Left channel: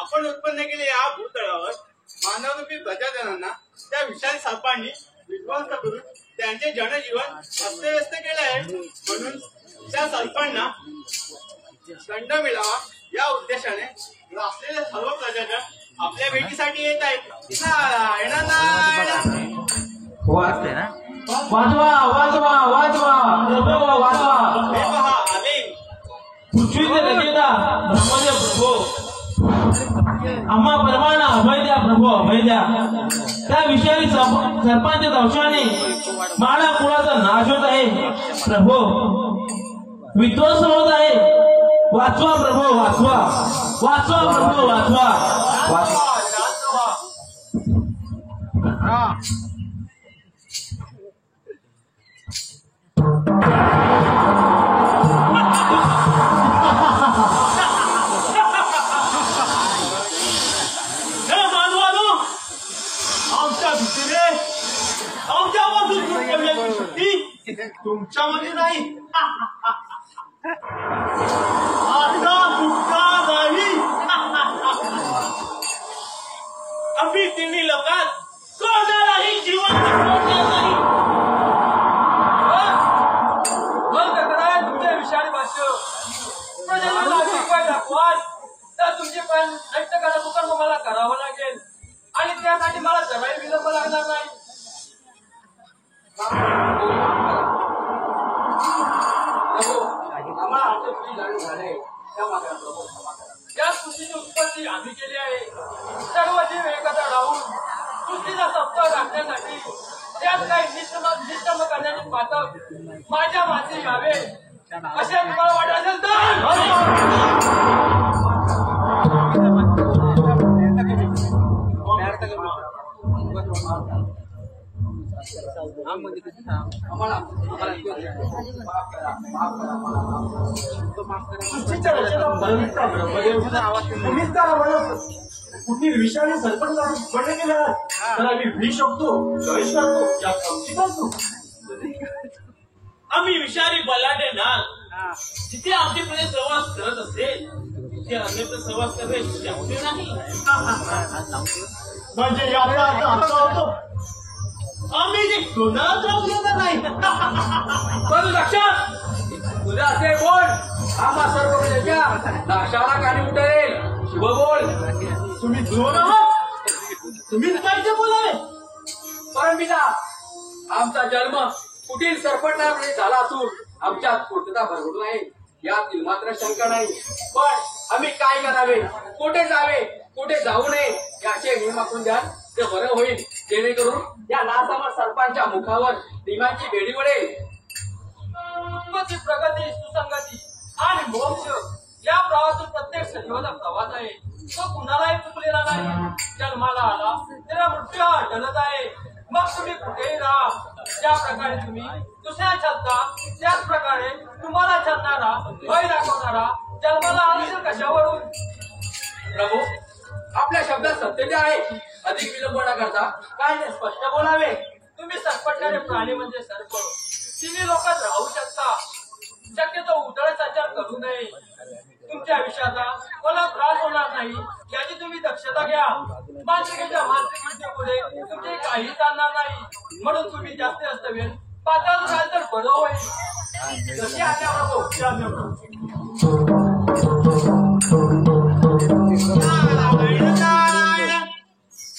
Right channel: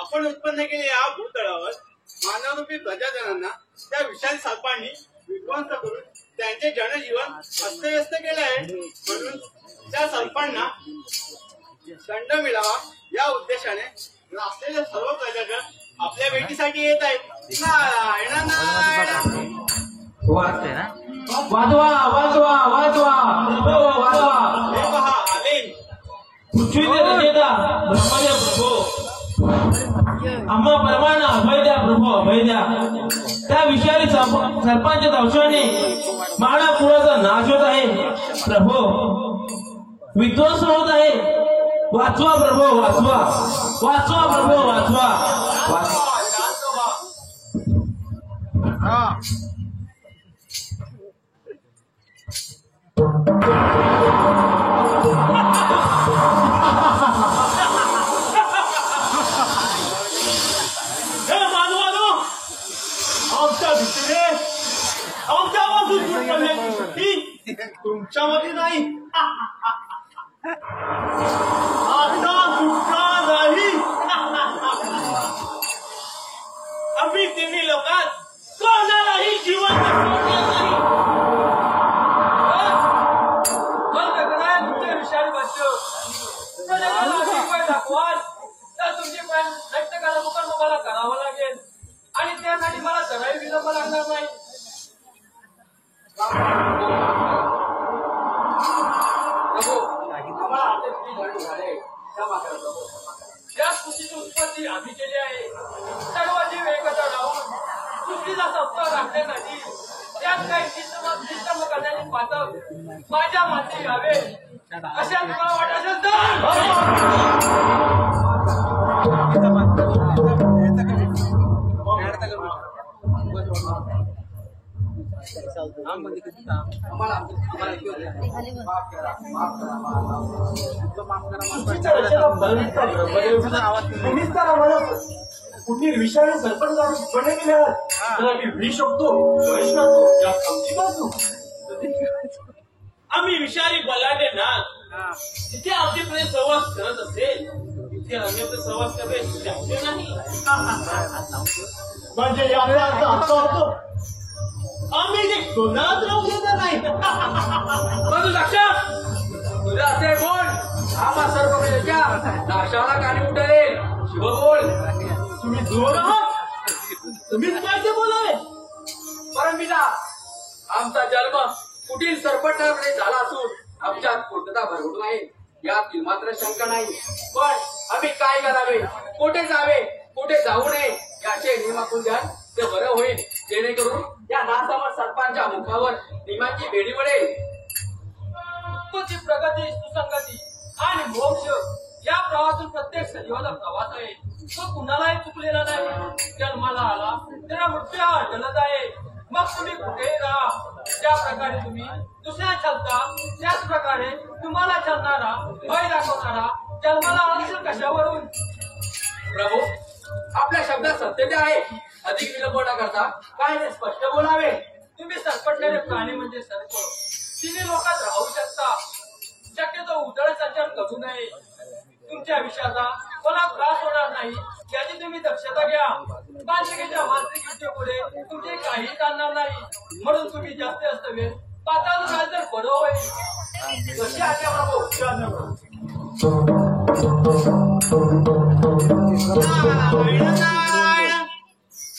आपण उत्पन्न केले या भूतळावर मानवरूपी प्रजाजनांना त्या विशाल सापांनी विध्वंस करून त्यांचे जनजीवन अस्तव्यस्त केले आहे. म्हणून त्या सापांना दंड मिळावा या उद्देशाने असलेले सर्व प्रजाजन आपल्या भेटीसाठी येत आहेत. वाजवा वाजवा वाजवा वाजवा. हे पहा आले पृथ्वीचे रचेता ब्रह्मदेव प्रभो, आम्हा परमाना अभय द्या प्रभो, अभय द्या. त्या विषारी सर्पांच्या दंशाने मानव कुळाचा नाश होत आहे प्रभो, विध्वंस होत आहे. वाचवा प्रभो, वाचवा वाचवा प्रभो, वाचवा. तुमच्यामध्ये नाही आता तुमचा नाही. आम्ही तिन्ही लोकात कोणालाही जीवन नाही. बंद कराय तुमचे विषारी भाष्य. दाखवाल तर तुमचे पण व्यक्त करा मला करावं लागेल आणि त्यासाठी मला जराही विलंब लागणार नाही. आम्हाला आमचे झाले त्या सृष्टीची उत्पत्ती आम्ही केली आहे. सर्व जीव एकत्र राहून सृष्टीचा सप्ताह राखण्यासाठी त्यात काही निष्ठम करण्याचे पातक माझ्या माती यावे अशा तुम्हाला वाटत असेल तर तुमच्या रचना बदलता तुम्हीच तर आम्हाला कुठली विषारी सरपंचाने पडले गेले तर आम्ही व्ही शकतो जळीस लागतो या कवचित असतो आम्ही विषारी बलाढ्य ना जिथे आमच्याकडे सहवास करत असेल तिथे अन्यत्र सहवास करणे शक्य नाही म्हणजे यामुळे आता आमचा होतो आम्ही ते गोंधळात राहू शकत नाही बरं लक्षात तुझं असे बोल आम्हा सर्व वेळेच्या दाशाला कानी उठाईल शिव बोल तुम्ही दोन आहात तुम्हीच काय ते बोलावे परंबिना आमचा जन्म कुटील सरपटामध्ये झाला असून आमच्यात पूर्तता भरघडून आहे यातील मात्र शंका नाही पण आम्ही काय करावे कुठे जावे कुठे जाऊ नये याचे नियम आखून द्याल ते बरं होईल जेणेकरून या नासमोर सर्पांच्या मुखावर नियमांची बेडी पडेल उत्पत्ती प्रगती सुसंगती आणि मोक्ष या प्रवाहातून प्रत्येक सजीवाचा प्रवास आहे तो कुणालाही चुकलेला नाही जन्माला आला त्याला मृत्यू हा जलद आहे मग तुम्ही कुठेही राहा ज्या प्रकारे तुम्ही दुसऱ्या छलता त्याच प्रकारे तुम्हाला छलणारा भय दाखवणारा जन्माला आला असेल कशावरून प्रभू आपल्या शब्दात सत्य आहे अधिक विलंब न करता काय ते स्पष्ट बोलावे तुम्ही सरपटणारे प्राणी म्हणजे सर्प तिन्ही लोकात राहू शकता शक्यतो उतळ संचार करू नये तुमच्या विषयाचा कोणा त्रास होणार नाही याची तुम्ही दक्षता घ्या मांत्रिकेच्या पुढे तुमचे काही चालणार नाही म्हणून तुम्ही जास्त असतवेल पाताळ झाल तर बरं होईल जशी आल्या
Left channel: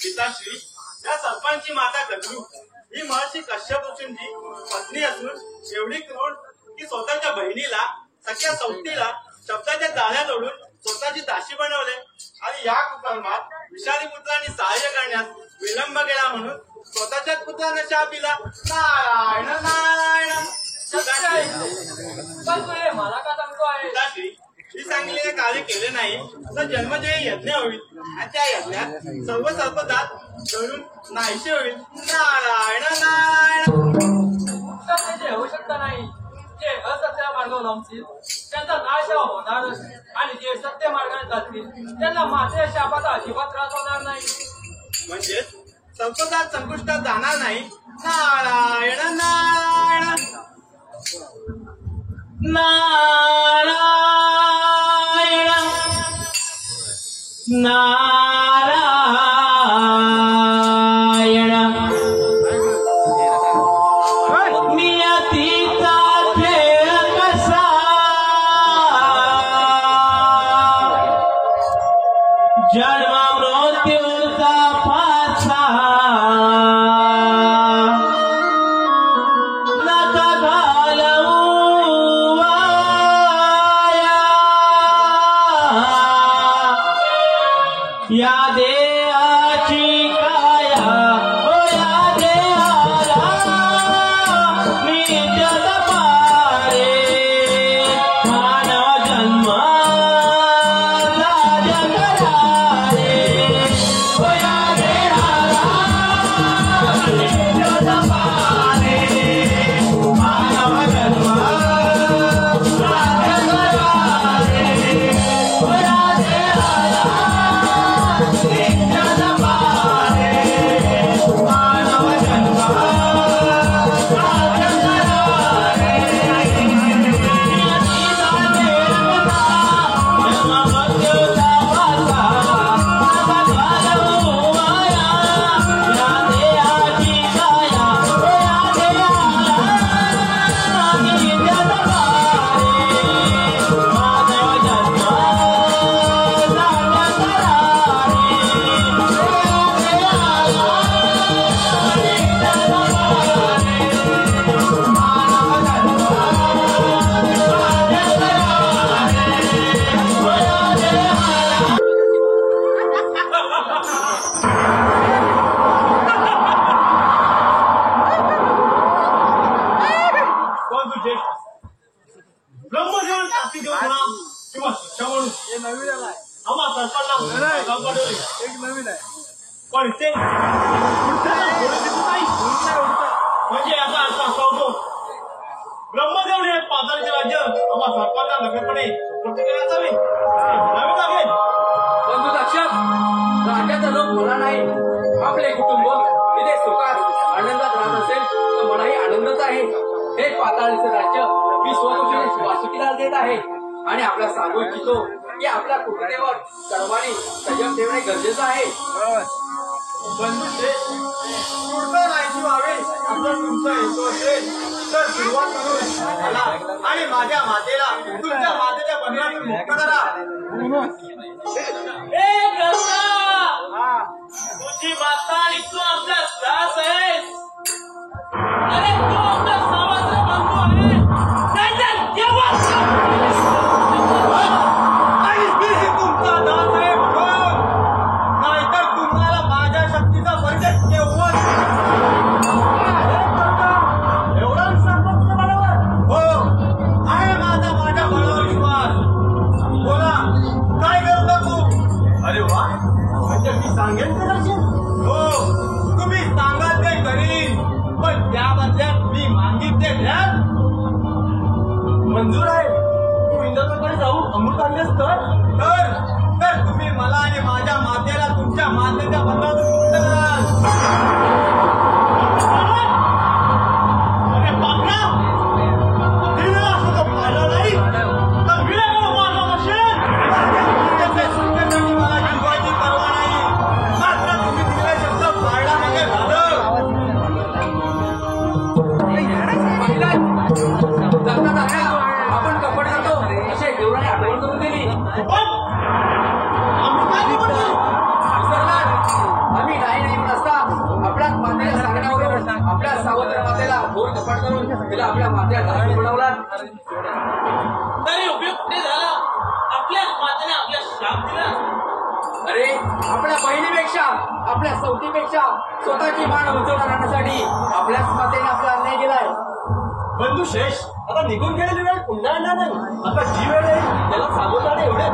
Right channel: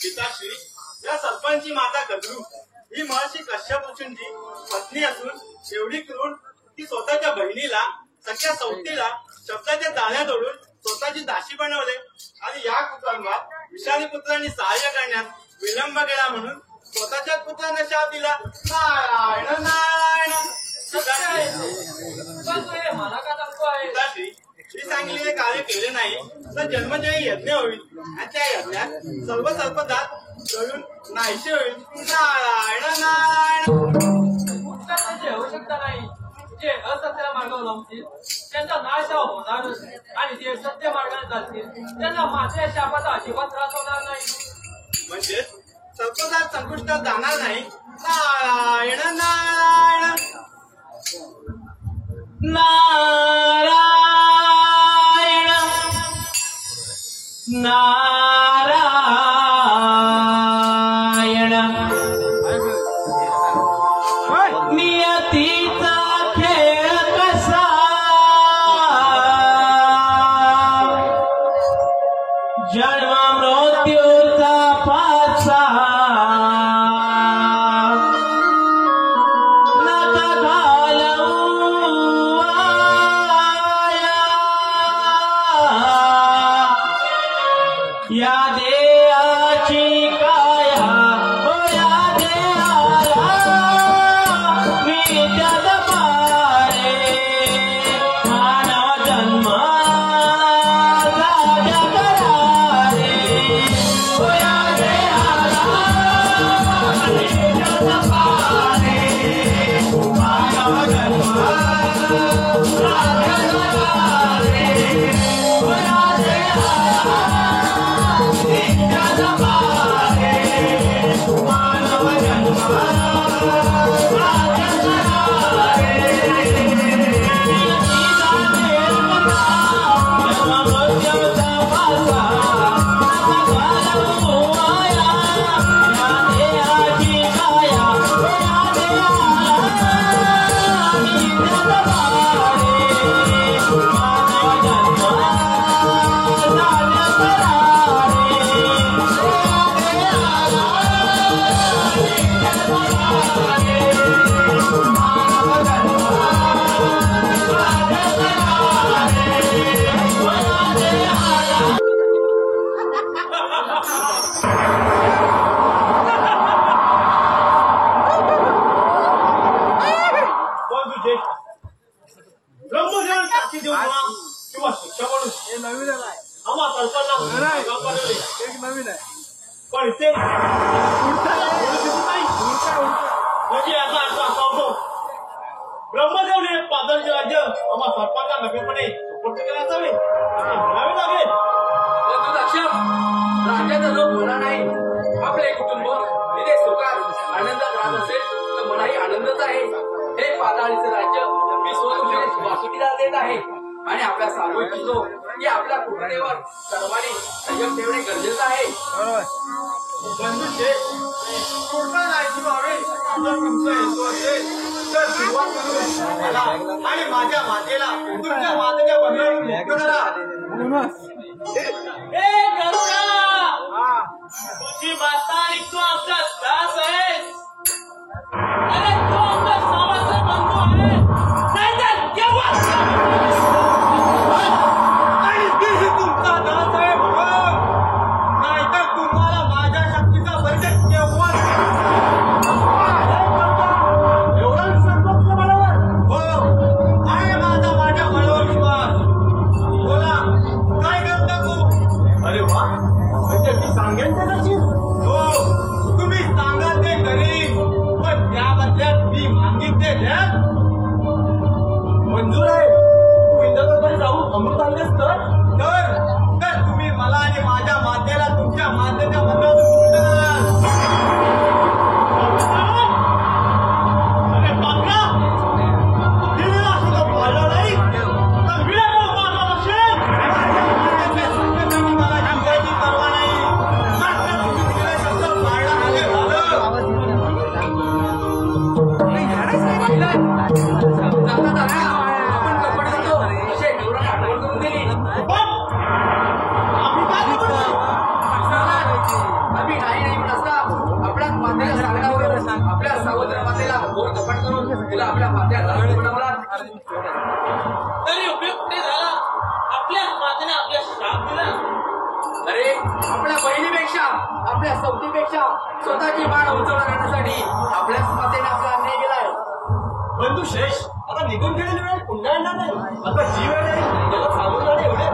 पिताश्री या सर्पांची माता गजरू ही महर्षी कश्यप ऋषींची पत्नी असून एवढी क्रूर की स्वतःच्या बहिणीला सख्या सौतीला शब्दाच्या जाळ्या जोडून स्वतःची दाशी बनवले आणि या कुटुंबात विषारी पुत्रांनी सहाय्य करण्यात विलंब केला म्हणून स्वतःच्याच पुत्राने शाप दिला नारायण नारायण पण तू हे मला का सांगतो आहे पिताश्री श्री सांगलेले कार्य केले नाही तर जन्मजय यज्ञ होईल आणि त्या यज्ञात सर्व सर्पदात जळून नाहीसे होईल नारायण नारायण तर ते होऊ शकत नाही जे असत्य मार्गावर रमतील त्यांचा नाश होणारच आणि जे सत्य मार्गाने जातील त्यांना माझ्या शापाचा अजिबात त्रास होणार नाही म्हणजेच सर्पदात संकुष्टात जाणार नाही नारायण नारायण नारायण नारायण नियतीचा खेळ कसा जन्म मृत्यूचा पाचा नका घालवू वाया. या देहाची काया ओ या देहाला मी जगमारे मानव जन्माचा जगरारे ओ या देहाला मी जगमारे मानव जन्माचा जगरारे ओ या देहाला शास्ती देऊ म्हणा किंवा शिक्षा म्हणून आम्हा सरकारला गाव बनवले पण इथे म्हणजे असा अर्थ असा होतो ब्रह्मदेवने पाताळचे राज्य आम्हा सरकारला नव्हेपणे सुपूर्द केले असावे म्हणावे लागेल. बंधू साक्षात राज्याचा लोक मला नाही आपले कुटुंब इथे सुखात आनंदात राहत असेल तर मलाही आनंदच आहे. हे पाताळीचं राज्य मी स्वतःने वासुकीला देत आहे आणि आपल्या सांगू इच्छितो की आपल्या कुटुंबावर सर्वांनी संयम ठेवणे गरजेचं आहे. बंधू पूर्ण नाहीशी व्हावे असं तुमचा हेतू असेल तर सुरुवात करून मला आणि माझ्या मातेला तुमच्या मातेच्या बंधनातून मुक्त करा. ए गरुडा तुझी माता आणि तू आमचा दास आहेस. अरे तू आमचा सावाचा बंधू आहे नाहीतर केव्हा आणि मीही तुमचा दास आहे म्हणून नाहीतर तुम्हाला माझ्या शक्तीचा परिचय केव्हा एवढा विश्वास नसतो बरोबर. हो आहे माझ्या बळावर विश्वास. बोला काय करू टाकू. अरे वा म्हणजे मी सांगेन ते नशीब. हो तुम्ही सांगाल ते करीन पण त्या बदल्यात मी मागितले द्या. मंजूर आहे तू इंद्रलोकाकडे जाऊन अमृत आणलेस तर तुम्ही मला आणि माझ्या मातेला तुमच्या मातेच्या बंधनातून मुक्त कराल. अरे पात्रा दिलेला असं तो पाहिलं नाही तर विरा मारला नसेल. माझ्या सुटकेसाठी मला जिंकवायची परवा नाही. मात्र तुम्ही दिलेला शब्द पाळला म्हणजे झालं. जाता जाता आपण कपडे जातो असे देवराने आठवण करून दिली. पण आम्ही काय करू. विसरलात? आम्ही नाही येऊन असता आपल्या मातेला सांगण्याबरोबर आपल्या सावत्र मातेला बोर कपाट करून तिला आपल्या मातेला बनवला. तरी उपयोग कुठे झाला. आपल्याच मातेने आपल्या शाप दिला. अरे आपल्या बहिणीपेक्षा आपल्या सवतीपेक्षा स्वतःची मान उंचवणार राहण्यासाठी आपल्याच मातेने आपला अन्याय केलाय. बंधू शेष आता निघून गेलेली वेळ पुन्हा येणार नाही. आता जी वेळ आहे त्याला सामोरं जाणे एवढे.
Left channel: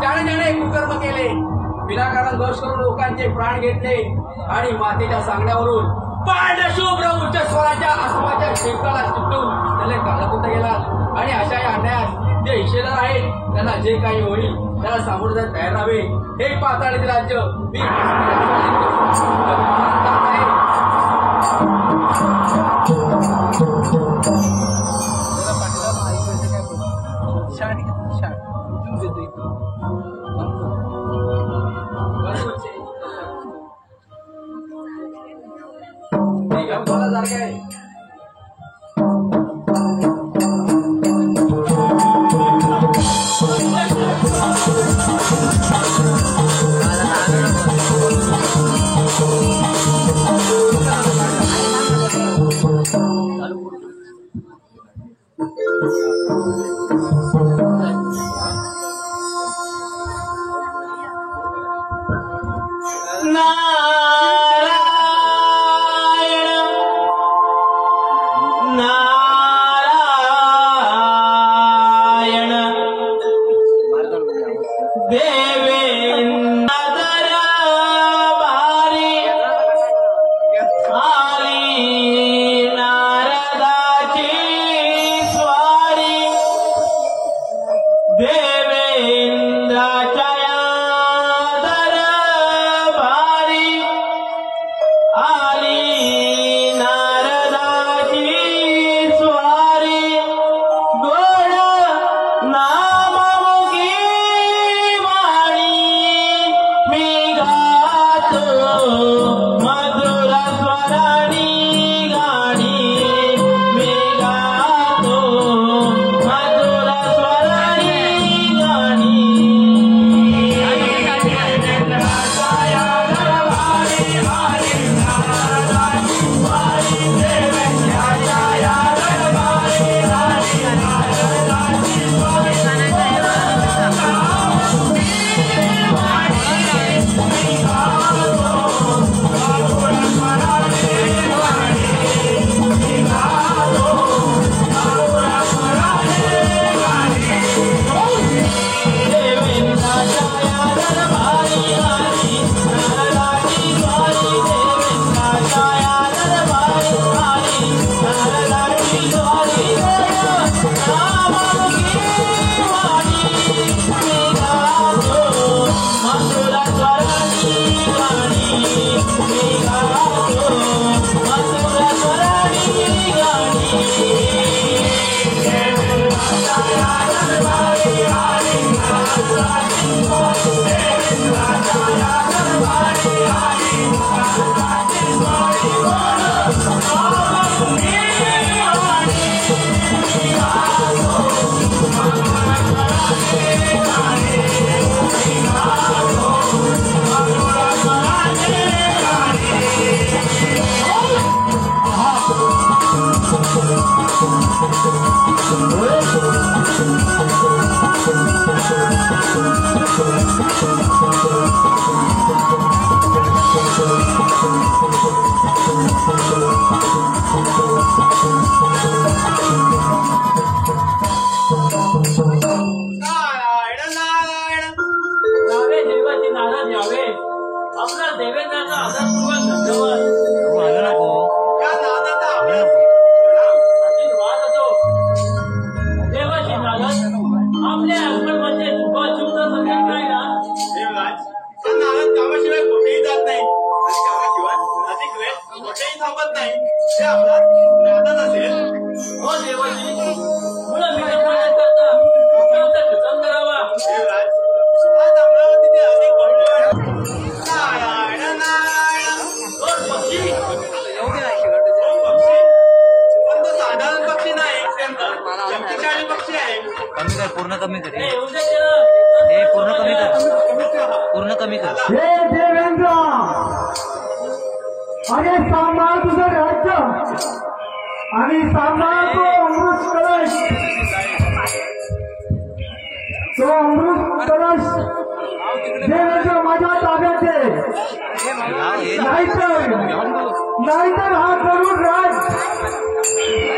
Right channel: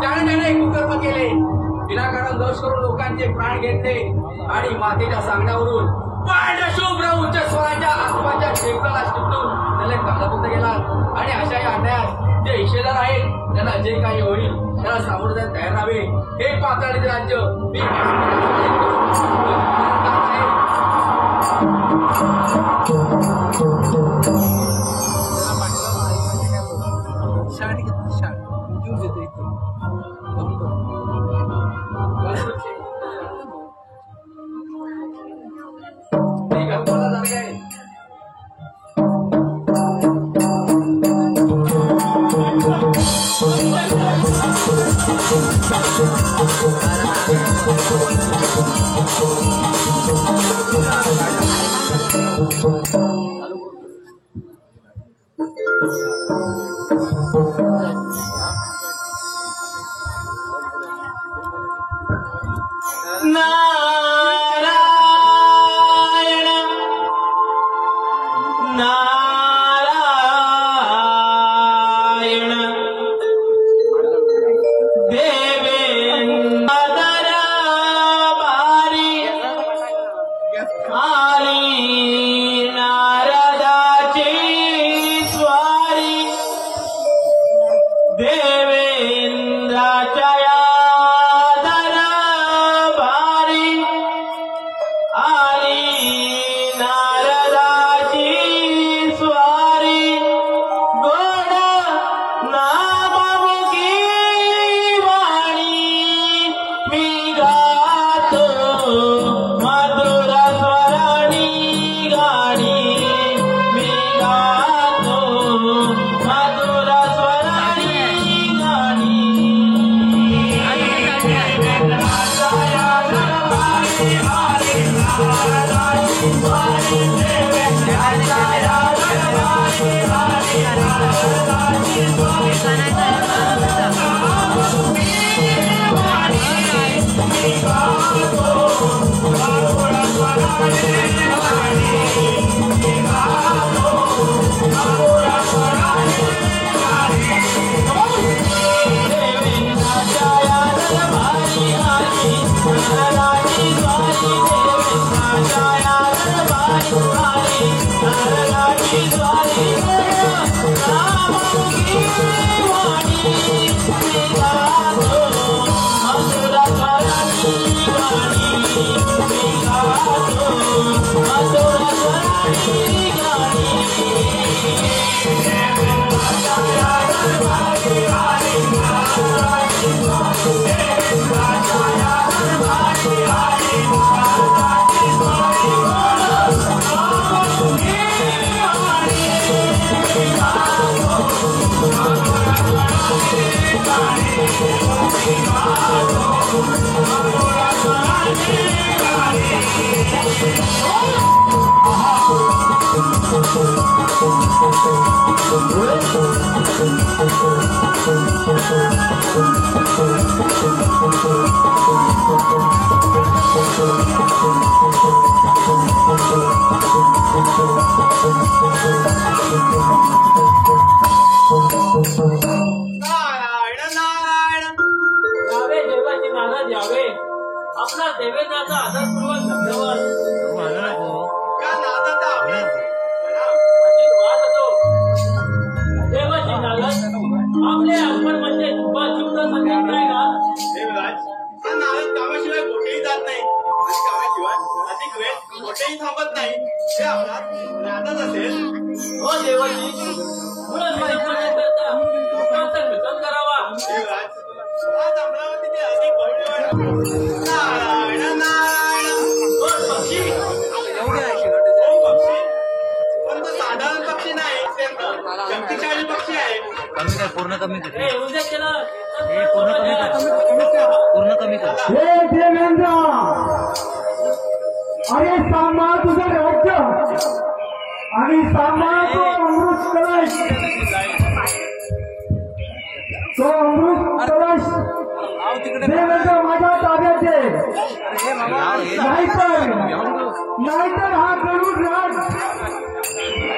त्याने कुकर्म केले विनाकारण दोष करून लोकांचे प्राण घेतले आणि मातेच्या सांगण्यावरून पांढऱ्या शुभ्र उच्च स्वराच्या आसमाच्या शेवटाला चिपटून त्याला कालापुत गेला. आणि अशा या अन्यायात जे हिशेदार आहेत त्यांना जे काही होईल त्याला सामोरं जायला तयार राहावे. हे पाताळीचे राज्य मी जात आहे. नारायण नारायण. जावे देवाचे नारद यावे आपला देवेंद्राचा आदरपूर्वक धन्यवाद. त्या नारदाचा आपला आशीर्वाद असो. देवाचे नारद आपले अंगणमध्ये शुभाशुभ संकेत काय ना देवराज, हा नारद कामाशिवाय कुठेही जात नाही आणि कामाशिवाय अधिक वेळ कुठेही थांबत नाही. ते आपला नारद असेल. हो देवाची मुलं करता लोकांचा कीर्तन करावा. देवराज, आज अमरावतीचे अधिक बहुजन नारायण नारायण. हो पक्षी हो पक्षी, पण तो साधारण पक्षी नाही, ते शक्तिशाली पक्षी आहे. कमी कर, पूर्ण कमी कर, हे येऊ दे त्याला. हे पूर्ण कमी कर, पूर्ण कमी कर. हे देवेंद्र, अरे सांभाळ तुझं राज्य आणि सांभाळ तो अमृत कलश. तो अमृत कलश देवेंद्र माझ्या ताब्यात आहे. नाहीतर हा करून राज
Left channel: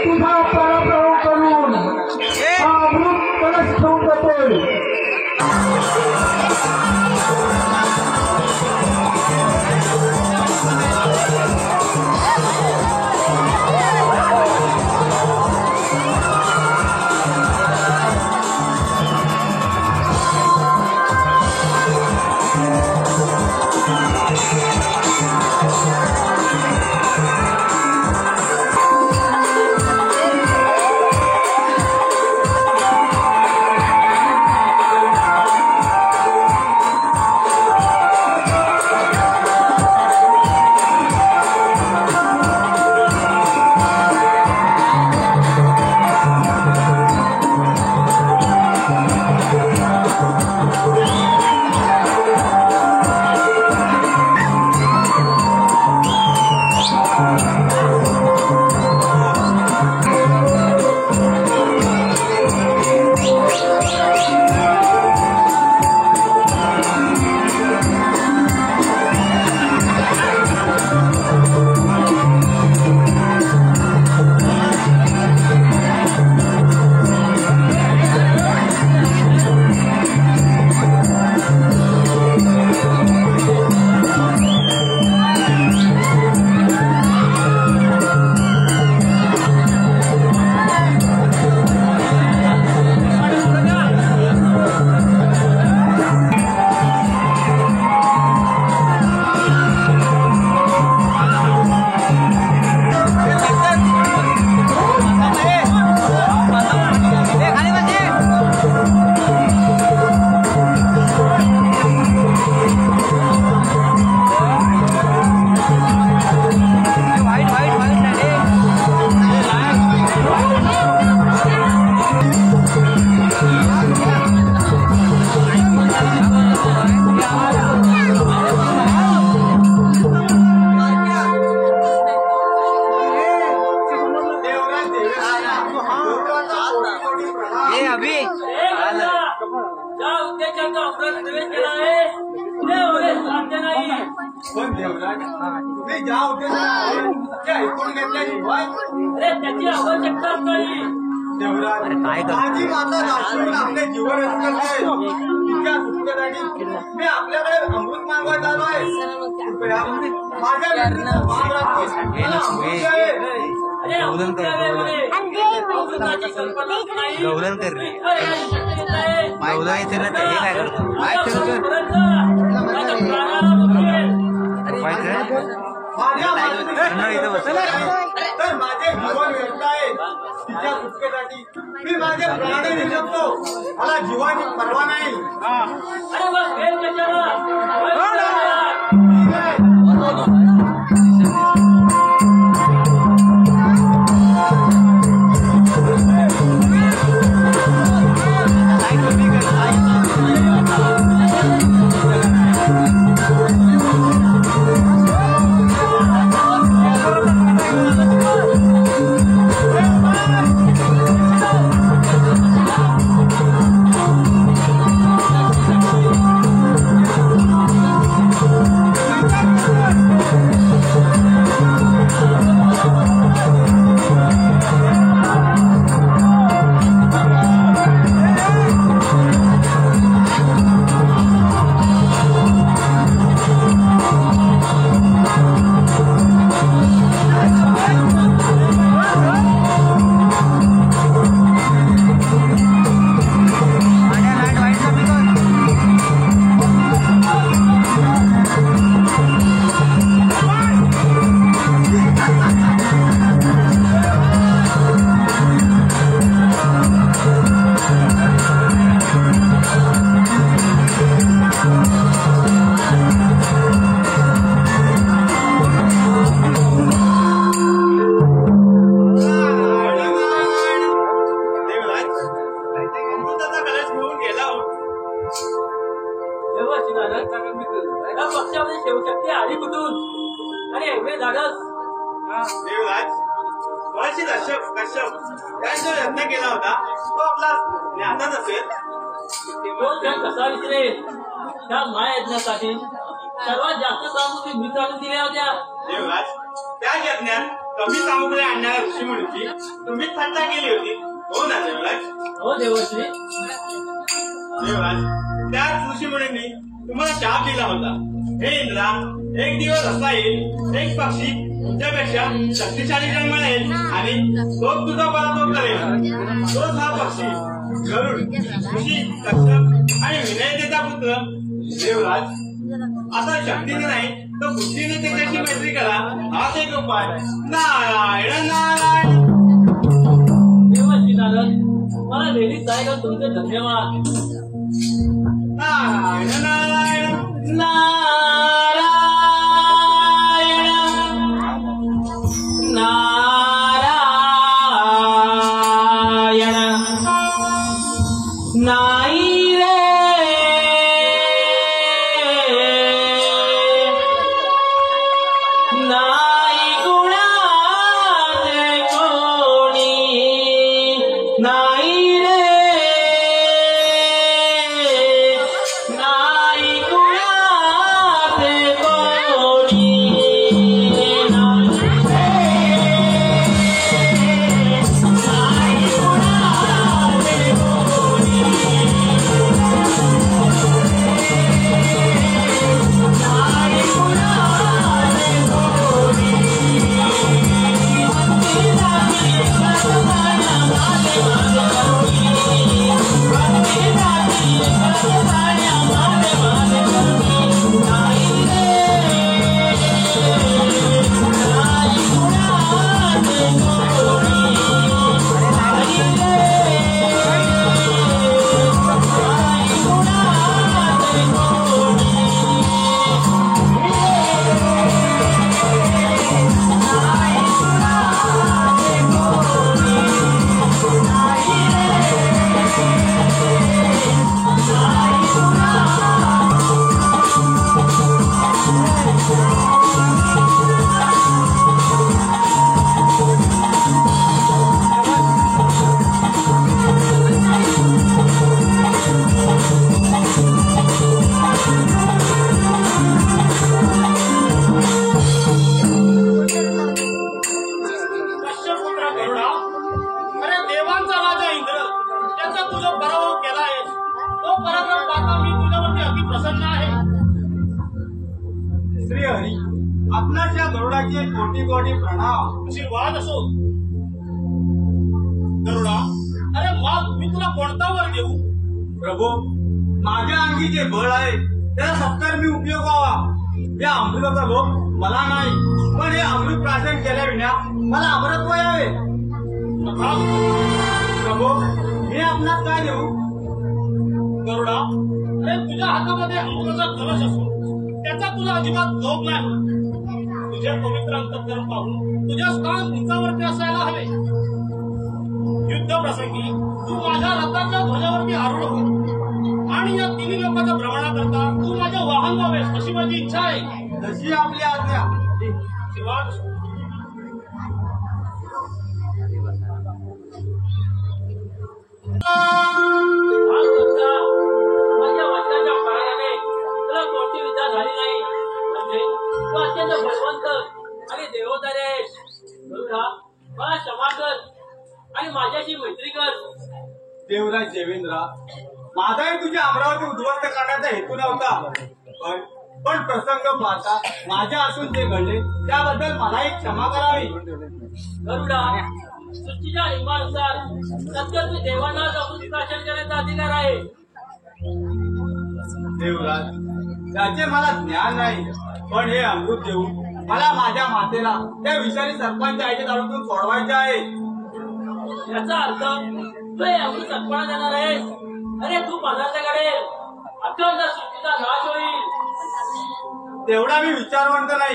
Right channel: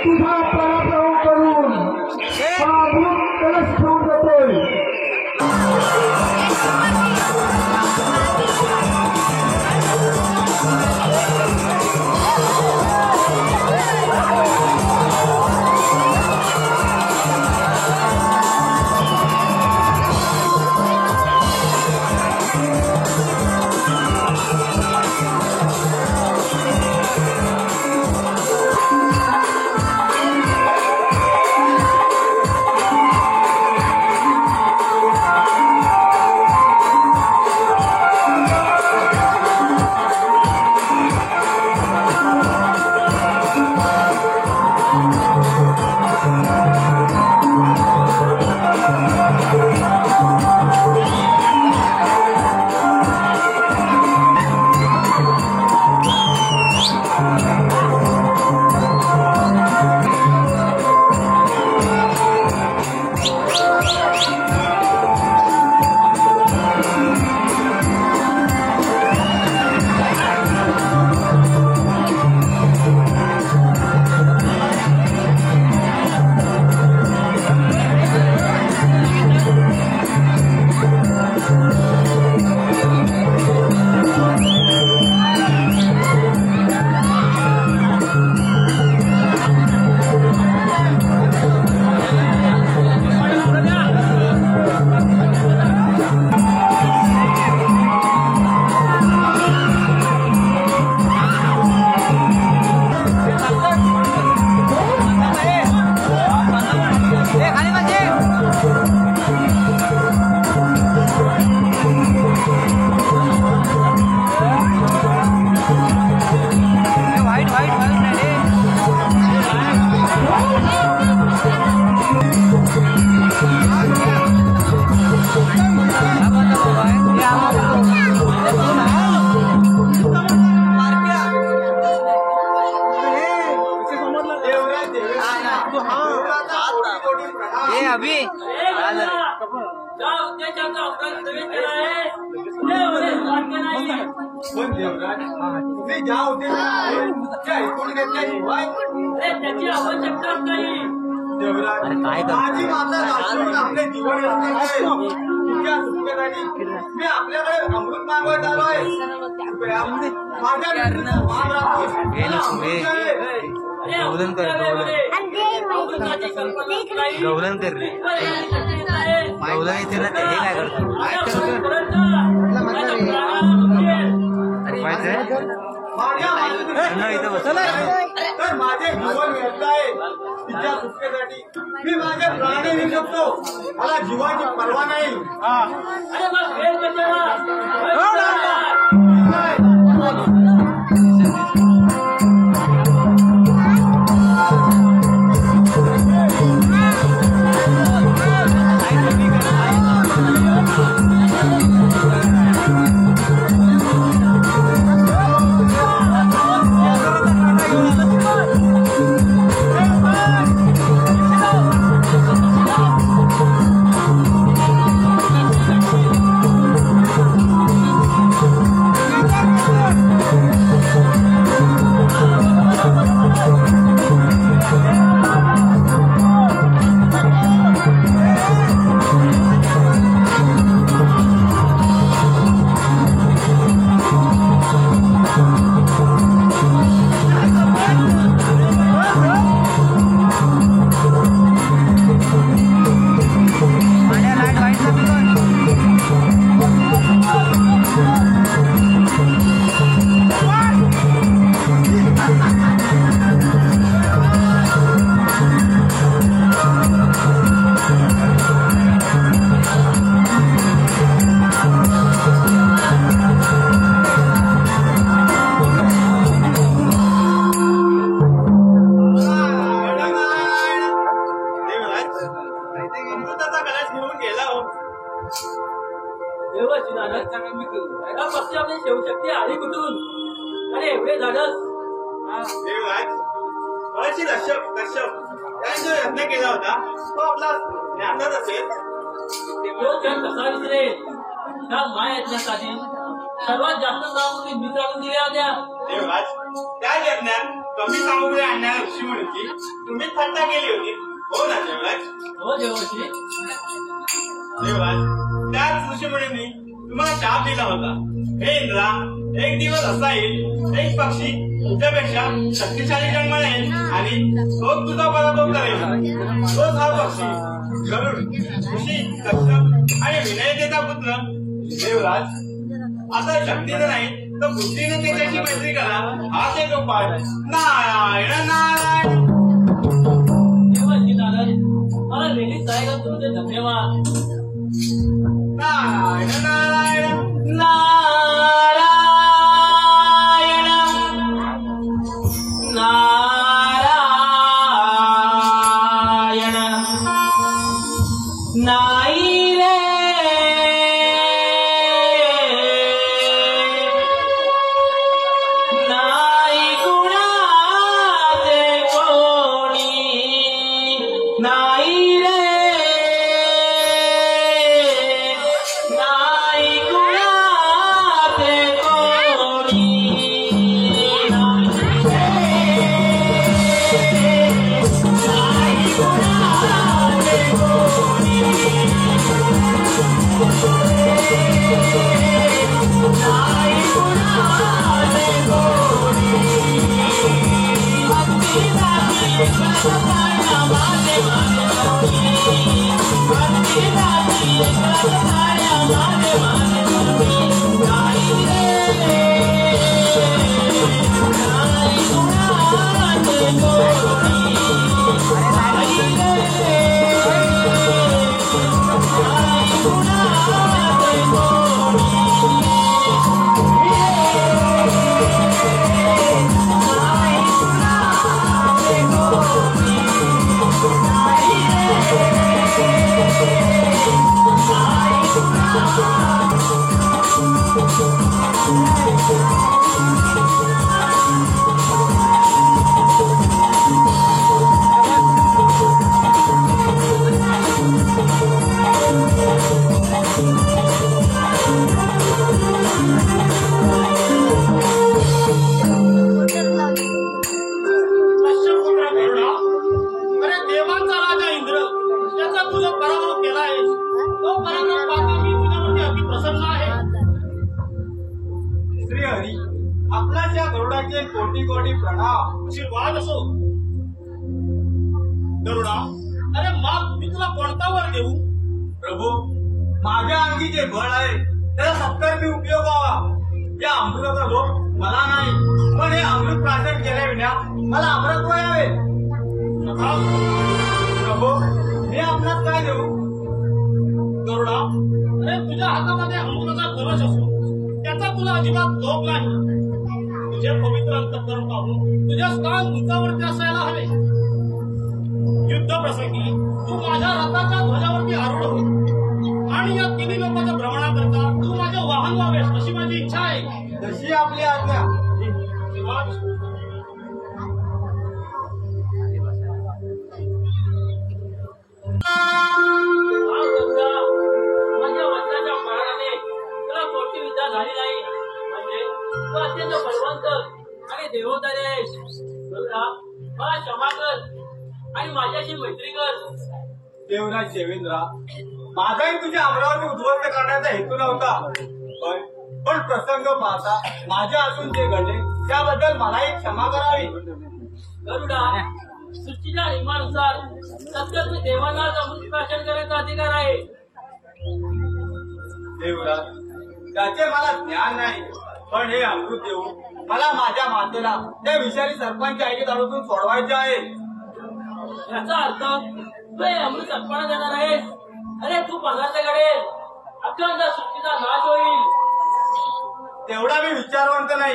तुझा पराभव करून हा अमृत कलश घेऊन जातोय. अभी ज्या उद्देशाचा अमरात प्रवेश केला आहे ते होणे साध्य नाही. पण देवराज, मी ज्या उद्देशाने आलोय ते ऐकून घेतल्याशिवाय अरे त्याची आवश्यकताच नाही. देवराज, अरे काय करतो? माझी माता दाखवून आपले जीवन रक्षण करेल. तिच्या सुटकेसाठी मी आपल्याकडे अमृत मागवत आलोय. कृपया माझ्या विनंतीचा मान राखून हे नसू, हे. गवलन कर गवलन कर रे गवलन येते ना ते हे काय करतो अरे माहिती आहे इथं बस तर माझे जीवन व्यर्थ आहे तिच्या सुटकेसाठी मी माझे प्राण विसरतो मला जीवाची पर्वा नाही पक्षामध्ये शिवशक्ती आली कुठून? अरे एवढे धाडस देवराज महर्षी कश्यप त्यांनी जो यज्ञ केला होता तो आपला ज्ञातच असेल. तो जण कसा विसरेल? त्या महायज्ञासाठी सर्वात जास्त सामग्री मी चालून दिल्या होत्या. देवराज त्या यज्ञात कमी सामग्री आणणाऱ्या ऋषीमुनीची तुम्ही थट्टा केली होती हो ना देवराज? हो देवर्षी. देवराज त्याच ऋषीमुनींनी तुम्हाला शाप दिला होता. हे इंद्रा एक दिवस असा येईल एक पक्षी तुझ्यापेक्षा शक्तिशाली जन्माला येईल आणि तो तुझा पराभव करेल. तोच हा पक्षी गरुड ऋषी कश्यप आणि विनयतेचा पुत्र देवराज. आता शक्तीने नाही तर बुद्धीने त्याच्याशी मैत्री करा हाच एक उपाय. नारायण नारायण. देवर्षी नारद मला लेडीज जायला तुमचे धन्यवाद. नारायण नारायण नाही रे नाही कुणाचे कोणी नाही रे नाही कुणाचे कोणी श्रीहरी आपल्या या गरुडाचे कोटी कोटी प्रणाम. आशीर्वाद असो. गरुडा, अरे मग मी तुला कोणता वर देऊ? प्रभू, माझ्या अंगी जे बळ आहे त्याला सत्कर्मी उपयोग व्हावा. या अमृताचा लोभ मला नाही, पण हे अमृत प्राशन केल्याविना मला अमृत यावे. प्रभू, मी आपणास काय देऊ? गरुडा, अरे तुझ्या हातामध्ये अमृताचा कलश असो, त्याचा तुला अजिबात लोभ नाही. तुझे पवित्र अंतःकरण पाहून तुझ्या स्थान उंचावरती असायला हवे. युद्ध प्रसंगी तू माझ्या रथाच्या ध्वजावरती आरूढ हो आणि या तिन्ही लोकांच्या भ्रमणाकरता तू माझ्या वाहन व्हावेस अशी माझी इच्छा आहे. जशी आपली आज्ञा. शिवाज, माझ्या वचनाच्या पालनाने तुला कोणती विद्या झाली नाही, म्हणजे तू अत्यंत बलवंत आणि देवोदारी आहेस. गरुडा, मला क्षमा कर आणि माझ्याशी मैत्री कर. देवराज देवेंद्रा, माझाही तुझ्या अमरावती उद्ध्वस्त करण्याचा हेतू नव्हता, पण प्रसंग पाहता माझ्या हातून जे घडले त्याबद्दल मलाही क्षमा करावी. गरुडा, सृष्टीच्या नियमानुसार सत्कर्मी देवांनाच अमृत प्राशन करण्याचा अधिकार आहे. देवराज, त्याचे मला ज्ञान नाही, पण हे अमृत देऊन मला माझ्या मातेला त्या विषारी सर्पांच्या आईच्या जाळूतून सोडवायचे आहे. याचा अर्थ तू हे अमृत सत्पणा देणार आहेस. अरे तू पदार्थ घडेल, अखंड सृष्टीचा नाश होईल. तेवढा मी विचारवंत नाही.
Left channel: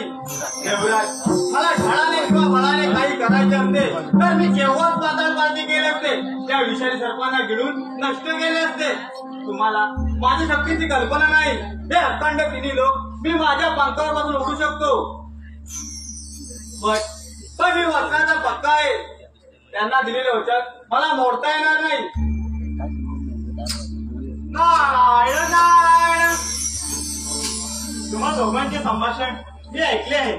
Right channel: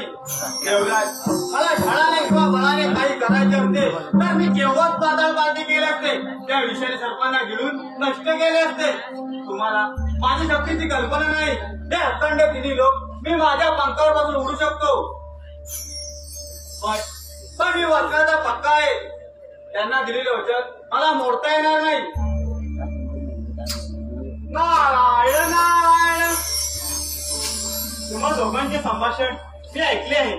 देवराज, मला झाडाने किंवा बळाने काही करायचे असते तर मी केव्हाच पाताळ पालटी केले असते, त्या विषारी सर्पांना गिळून नष्ट केले असते. तुम्हाला माझी शक्तीची कल्पना नाही. हे अखंड तिन्ही लोक मी माझ्या पंखावर बसून उडू शकतो, पण मी वचनाचा पक्का आहे. त्यांना दिलेले वचन मला मोडता येणार नाही. नारायण नारायण. तुम्हा दोघांचे संभाषण मी ऐकले आहे.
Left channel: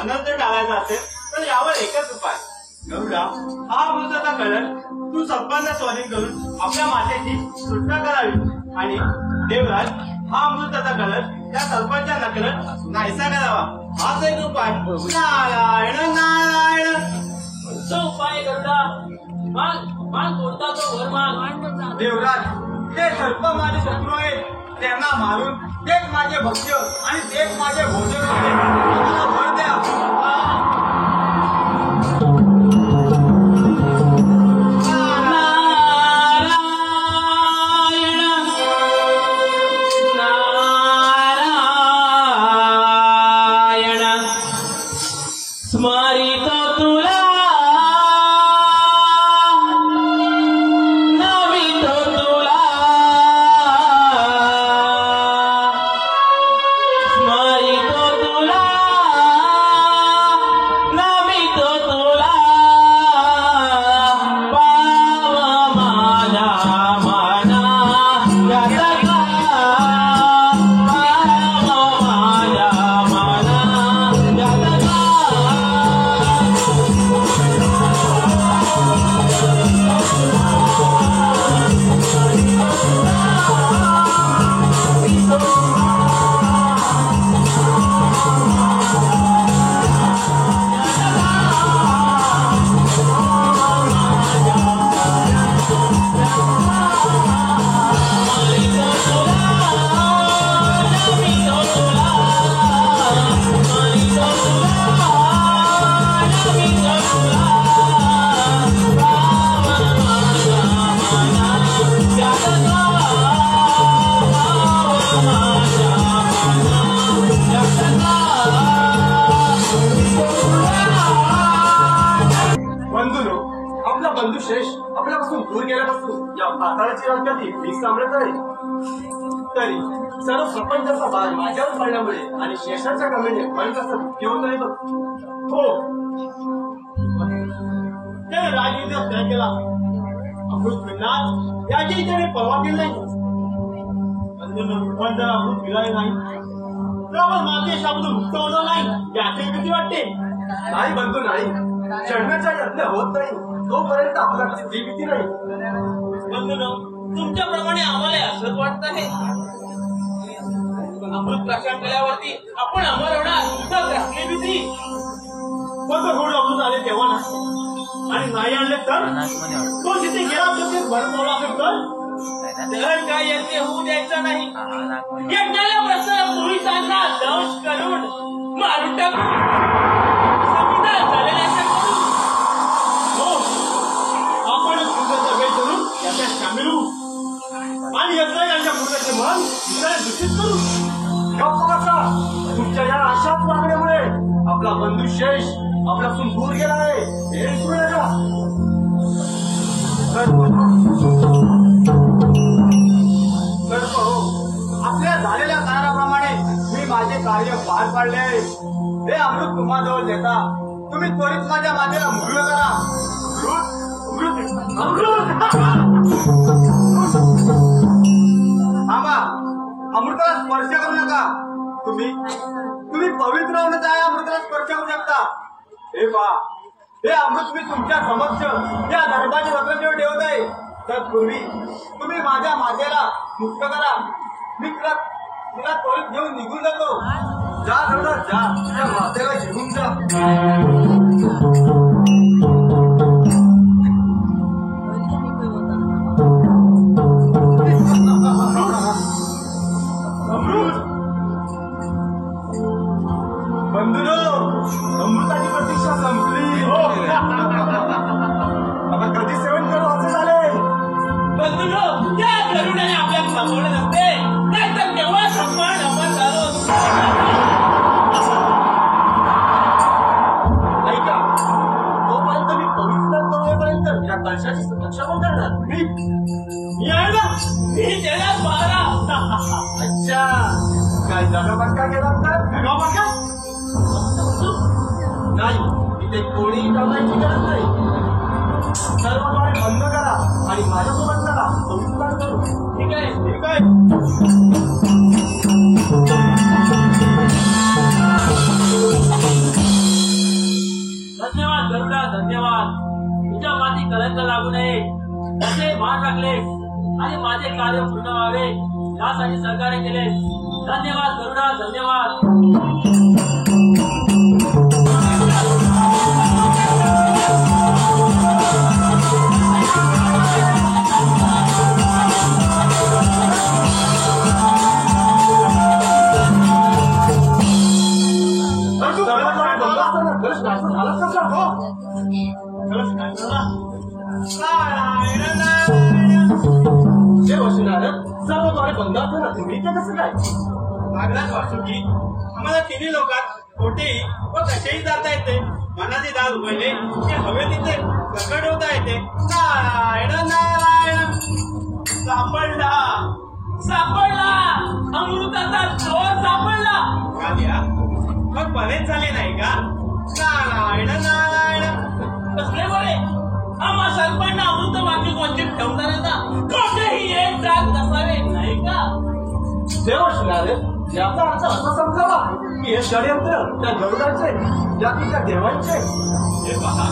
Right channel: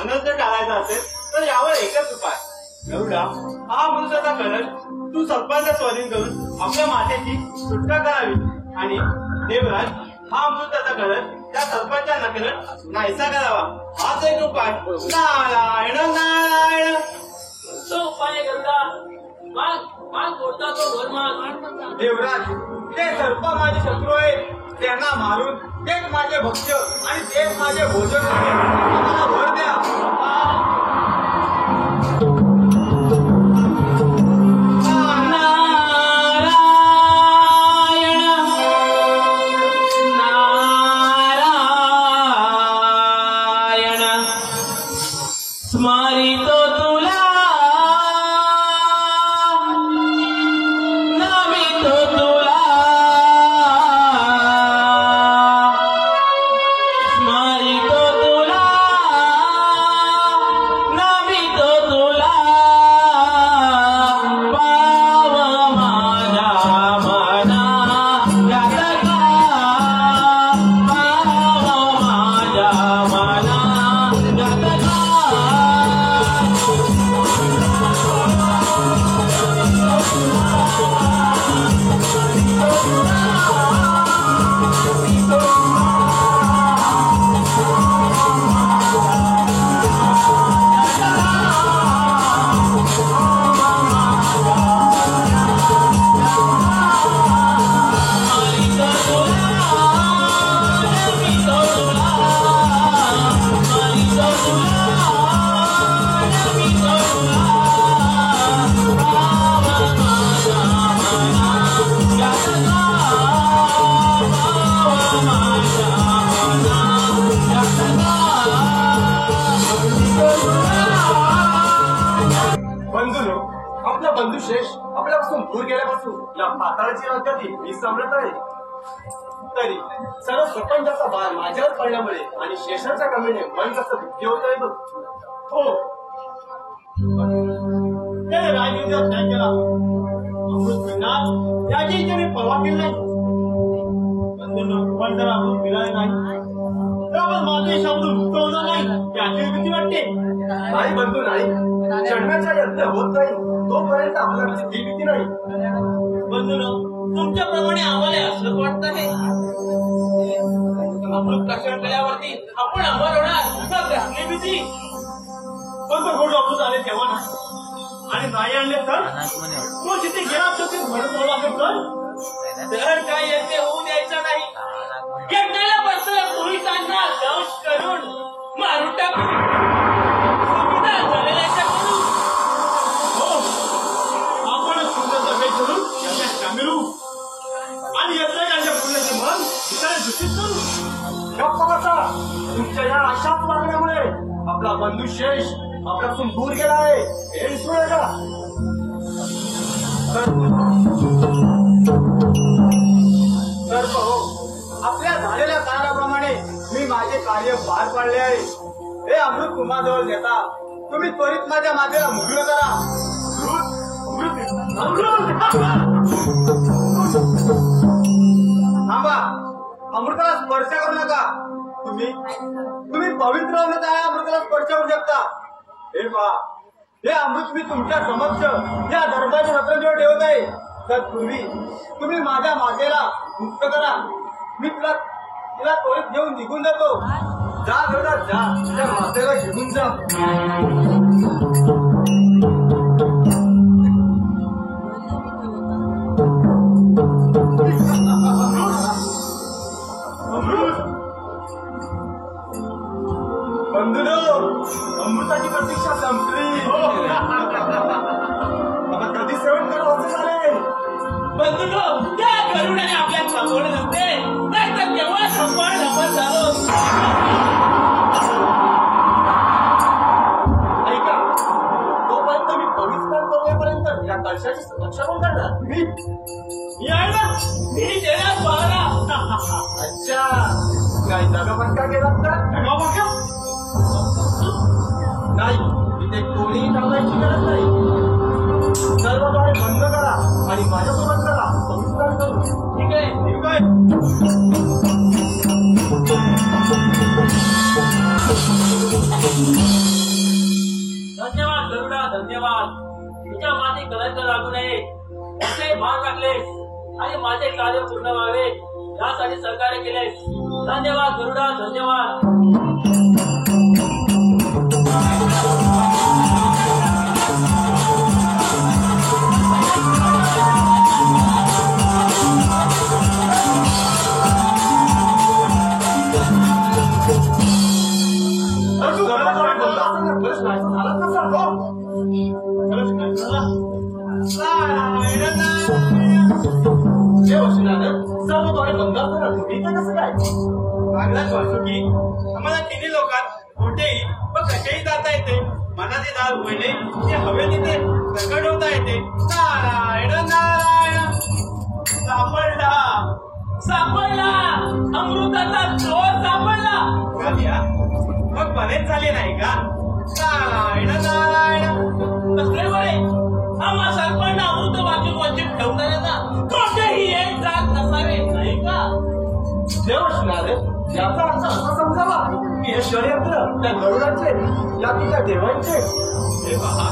अनर्थ टाळायचा असेल तर यावर एकच उपाय. गरुडा, हा अमृताचा कलश तू सर्पांचा स्वाधीन करून आपल्या मातेची सुटका करावी आणि देवराज, हा अमृताचा कलश त्या सर्पांच्या नकलत नाहीसा करावा. हाच एक उपाय. नारायण नारायण. तो उपाय गरुडा, मान कोणता तो वर मान. देवराज, ते सर्प माझे शत्रू आहेत. त्यांना मारून तेच माझे भक्ष्य आणि तेच माझे भोजन आहे. मला वर द्या. स्मरितो तुला, नमितो तुला, स्मरितो तुला, नमितो तुला, पाव माझ्या मना यातका, पाव माझ्या मना यातका. बंधूनो, आपला बंधू शेष आपल्यापासून दूर गेल्यापासून या पाताळाची राज्यातील मी सांभाळत आहे. तरी सर्व प्रपंचाचा भार माझ्यावर पडल्यामुळे आणि शेषाच्या कमीने मन कसं दुःखी होत आहे बघ. हो, त्याने राजविद्या त्याग केला. अमृत मिळणार याची त्याने पर्वा केली नाही. पण जर अमृत मिळाले नाही तर आपण माझे शब्द उठवलं नाही याची भीती वाटते. नाही बंधू, नाही. जन्माचा यत्न होत नाही तोपर्यंत आपल्याला ती भीती नाही. बंधूंनो, तुमच्याप्रमाणे आम्हाला असंच वाटत आहे. अमृत प्राशन केल्यावरती आपण अमर होणार, मग कसली भीती. पण गोड अमृत आले तेव्हा ना आणि नाही आणले तर अनाथमणी वाटतो तो जिथे गेला तर ते भरमोळा कर तर काय येते होऊ द्यायचं नाही. नागमणी यज्ञाला बसला पुरोहितांना दंश करून मारून टाकून संविधान झालेल्याच्या करून हो आपण सुंदरचा वेळ करून त्याच्या शामिल होऊ आणि यज्ञाच्या फुलाचे मन इतर दूषित करू. गप्प बसा. तुमच्या या अशाच वागण्यामुळे आपला बंधू शेष आपल्यापासून दूर गेला आहे हे विसरू नका. सर्प हो, आपल्या झालेल्या कराराप्रमाणे मी माझे कार्य पार पाडले आहे. हे अमृत तुम्हाजवळ देता तुम्ही त्वरित माझ्या मातेला मुगळ करा. थांबा, अमृताला स्पर्श करू नका. तुम्ही पवित्र होऊन त्या अमृताला स्पर्श करू शकता. हे पहा, हे अमृत मी तुमच्या समक्ष या दरबारी वचनदेव ठेवत आहे. तत्पूर्वी तुम्ही माझ्या मातेला मुक्त करा. मी तिला त्वरित घेऊन निघून जातो. जा गरुडा जा, त्या मातेला घेऊन जा. बंधुनो, अमृताची प्रतीक्षा संपली. आता कधी सेवन करावं झाले. बंधूंनो, त्या करुणाने आपल्या थांबवले नसते नाहीतर केव्हा आपण झालो. ऐका, तोपर्यंत मी पवित्र करूपर्यंत या कलशाची सुरक्षा कोण करणार? मी आहे ना. मी देणार पाहला. अच्छा, काय जागा पक्का केला तर गाव पक्का नाही. इथे कोणीही थांबायची गरज नाही. सर्व द्वारे बंद करा आणि माझ्यासोबत चला. पवित्र करू. ठीक आहे. ठीक आहे. धन्यवाद गरुडा, धन्यवाद. तुझ्या माती कलंक लागू नये असे भान राखले आणि माझे कार्य पूर्ण व्हावे यासाठी सहकार्य केले. धन्यवाद गरुडा, धन्यवाद. वासुकी आम्हाला तिन्ही लोकात कोठेही व कसेही जाता येते. मनाचे दार उघडले ते हवे तिथे प्रकट होता येते. नारायण नारायण. सापडला, सापडला. अमृताचा चोर सापडला. गाद्या मग बरेच झाले नाही का? नारायण नारायण. कसले बरे आम्हा सर्वांना अमृत बाजू वंचित ठेवणाऱ्यांना कोणतेही एक जात नसावे नाही का? देव शिणारे, याचा अर्थ असा समजावा की हे षडयंत्र त्या गरुडाचे या तिच्या देवांचे. हे पहा,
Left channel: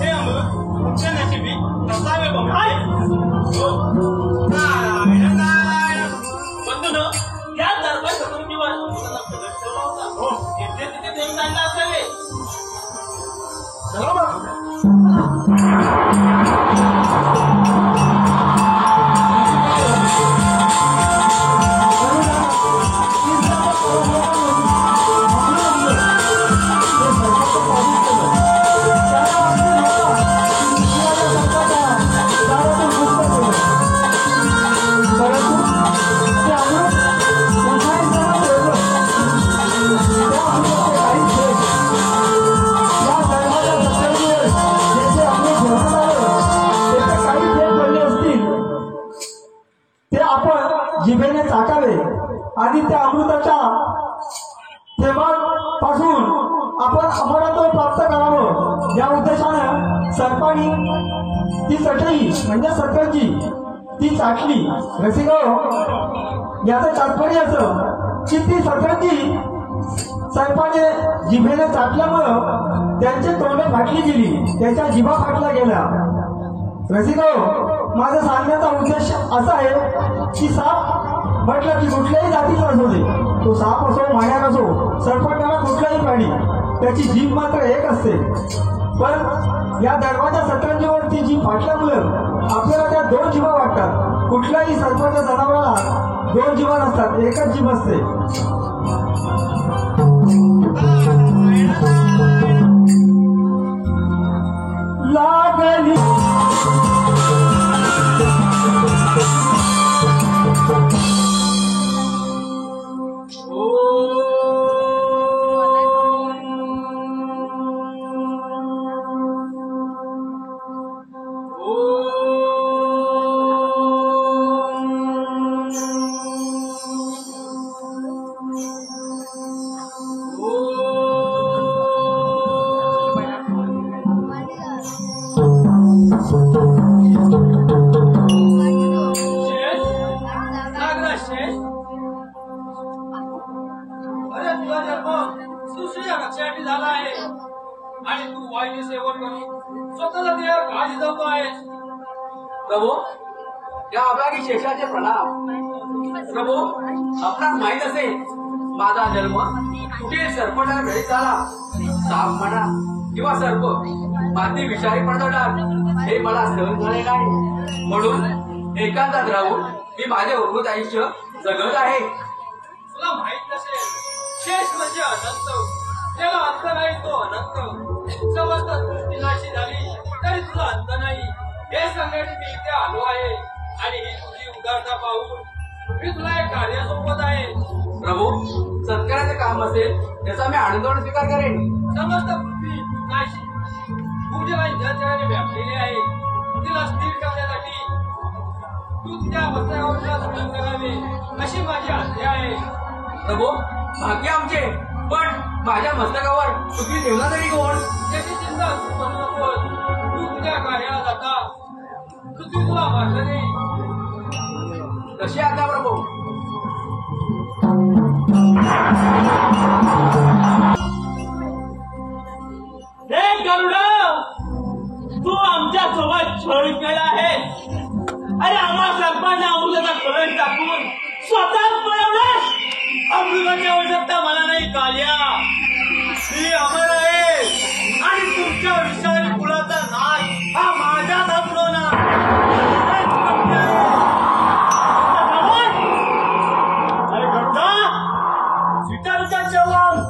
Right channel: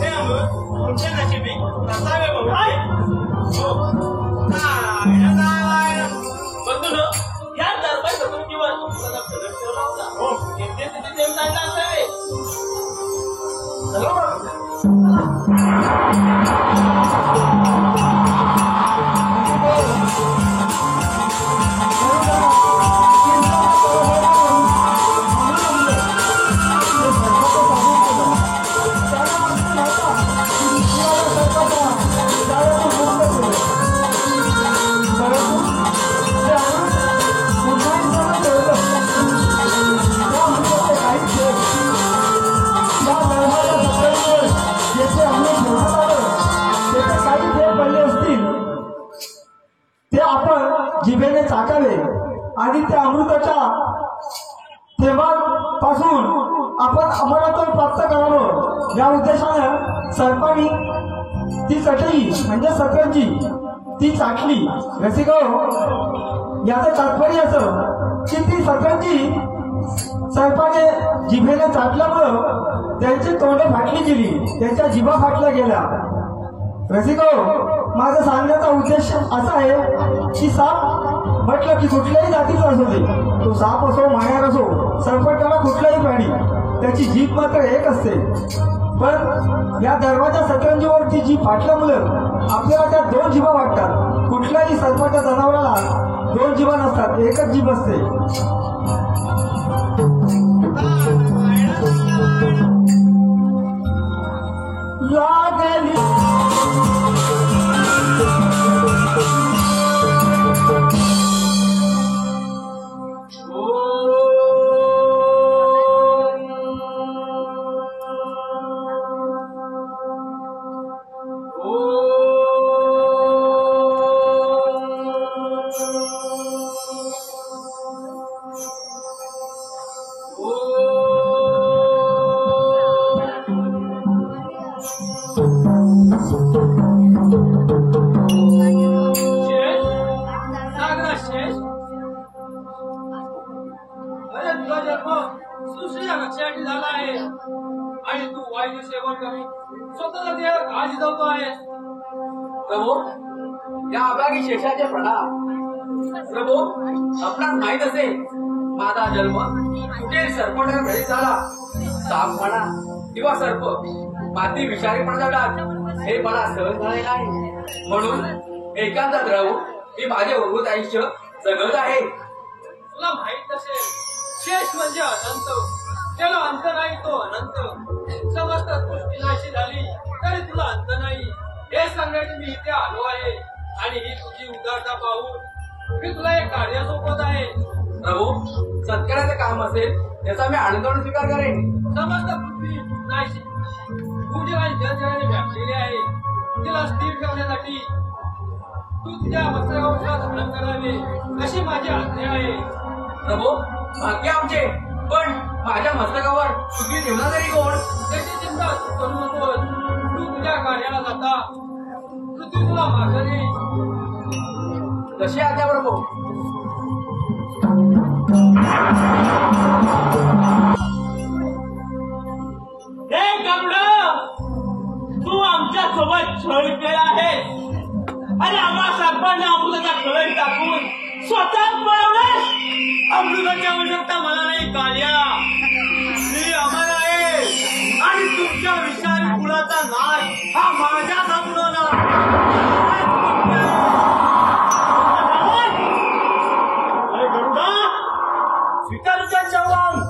हे अमृत तुमच्या नशिबी नसावे बहुतेक. हो, नारायण नारायण. बंधून या दरबार सतुकीवर अमृताचा फलक ठेवला होता. हो, तिथे तिथे देव जायला असावे. चला मग. ते आपण जिभेने चाकावे आणि त्या अमृताच्या थेंबापासून आपण अमरत्व प्राप्त करावं या उद्देशानं सर्पांनी ती चटई म्हणजे सरपंची ती चाटली. रसिको, याचं तात्पर्य असं की ती सरपंची सर्पाने जिभेने चाटल्यामुळं त्यांची तोंडे फाटली गेली, त्यांच्या जिभा फाटल्या गेल्या. रसिको, माझा सांगण्याचा उद्देश असा आहे की साप म्हटलं की कुठल्याही जातीचा असू दे, तो साप असो मायार असो, सरपंचाला कुठलाही प्राणी त्याची जीभ मात्र एक असते. पण या धर्माच्या सतरंजीवरती जी फाटल्यामुळं आपल्याला त्या दोन जीवा वाटतात. कुठल्याही सरपंच जनावराला दोन जीव नसतात, एकच जीव असते. लागली सृष्टीच्या रक्षासाठी झाला आहे आणि तू वाईट सेवन करून स्वतःला देह का जिजवतो आहेस. प्रभू, या अभागी शेषाचे प्रणाम. प्रभू, आपणास माहित असेल माझा जन्म कुठे सर्पटात घरी झाला. साप म्हणा किंवा सर्प माती विषारी पडतात हे मला सहन झालेलं आहे. म्हणून एकांतात राहून मी माझे उर्वरित आयुष्य जगत आहे. तुला माहित नसेल, शेष म्हणजे अनंत, त्याला अंत नाही तो अनंत. समस्त सृष्टी नाशी झाली तरी तुला अंत नाही हे सांगण्यासाठी मी इथे आलो आहे. आणि ही तुझी उदारता पाहून मी तुला एक कार्य सोपवत आहे. प्रभू, सत्कार्याचे काम असेल त्याचा मी आनंदाने स्वीकार करेन. समस्त पृथ्वी नाशी पूजा आणि जलचराने व्यापलेली आहे. तिला स्थिर करण्यासाठी तू तुझ्या मस्तकावर धारण करावे अशी माझी आज्ञा आहे. प्रभू, भाग्य आमचे, पण माझ्या मस्तकावर पृथ्वी ठेवला तरी कोण? त्याची चिंता तू करू नकोस. तू तुझ्या कार्याला जाता पृथ्वी तुला मार्ग देईल. तशी आज्ञा प्रभू. हे गरुडा, तू आमच्या सोबत छळ केला आहे आणि आम्हा सर्पांना अमृताचा कळस टाकून स्वतः पळवलास. अमृताची आवश्यकता मला नाही काल्या. मी अमर आहे आणि तुमच्या विषारी कुळाचा नाश हा माझ्याच हात होणार. अरे गरुडा, स्वीकारच्या जवान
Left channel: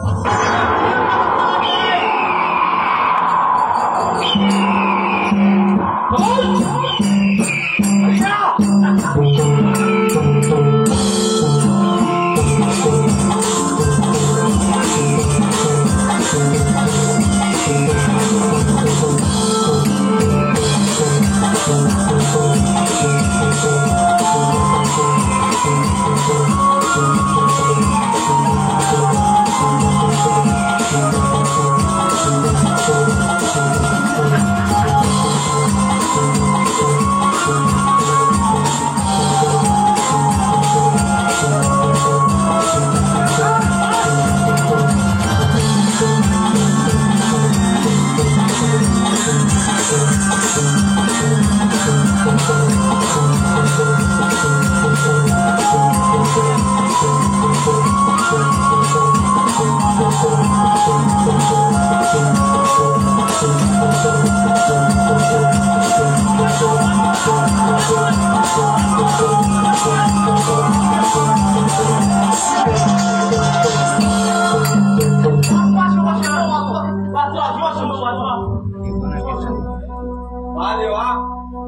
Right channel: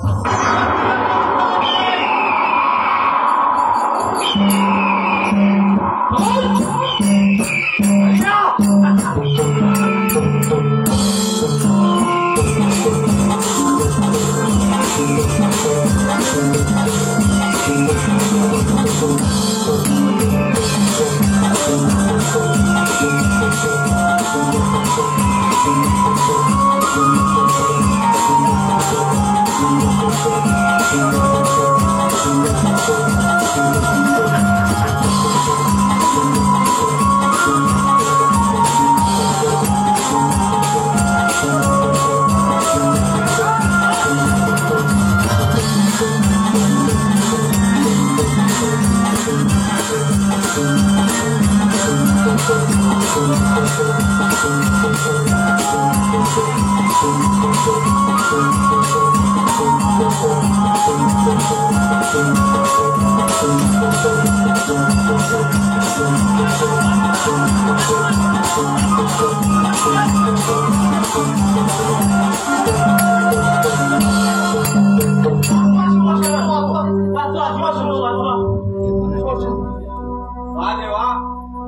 वा देवा,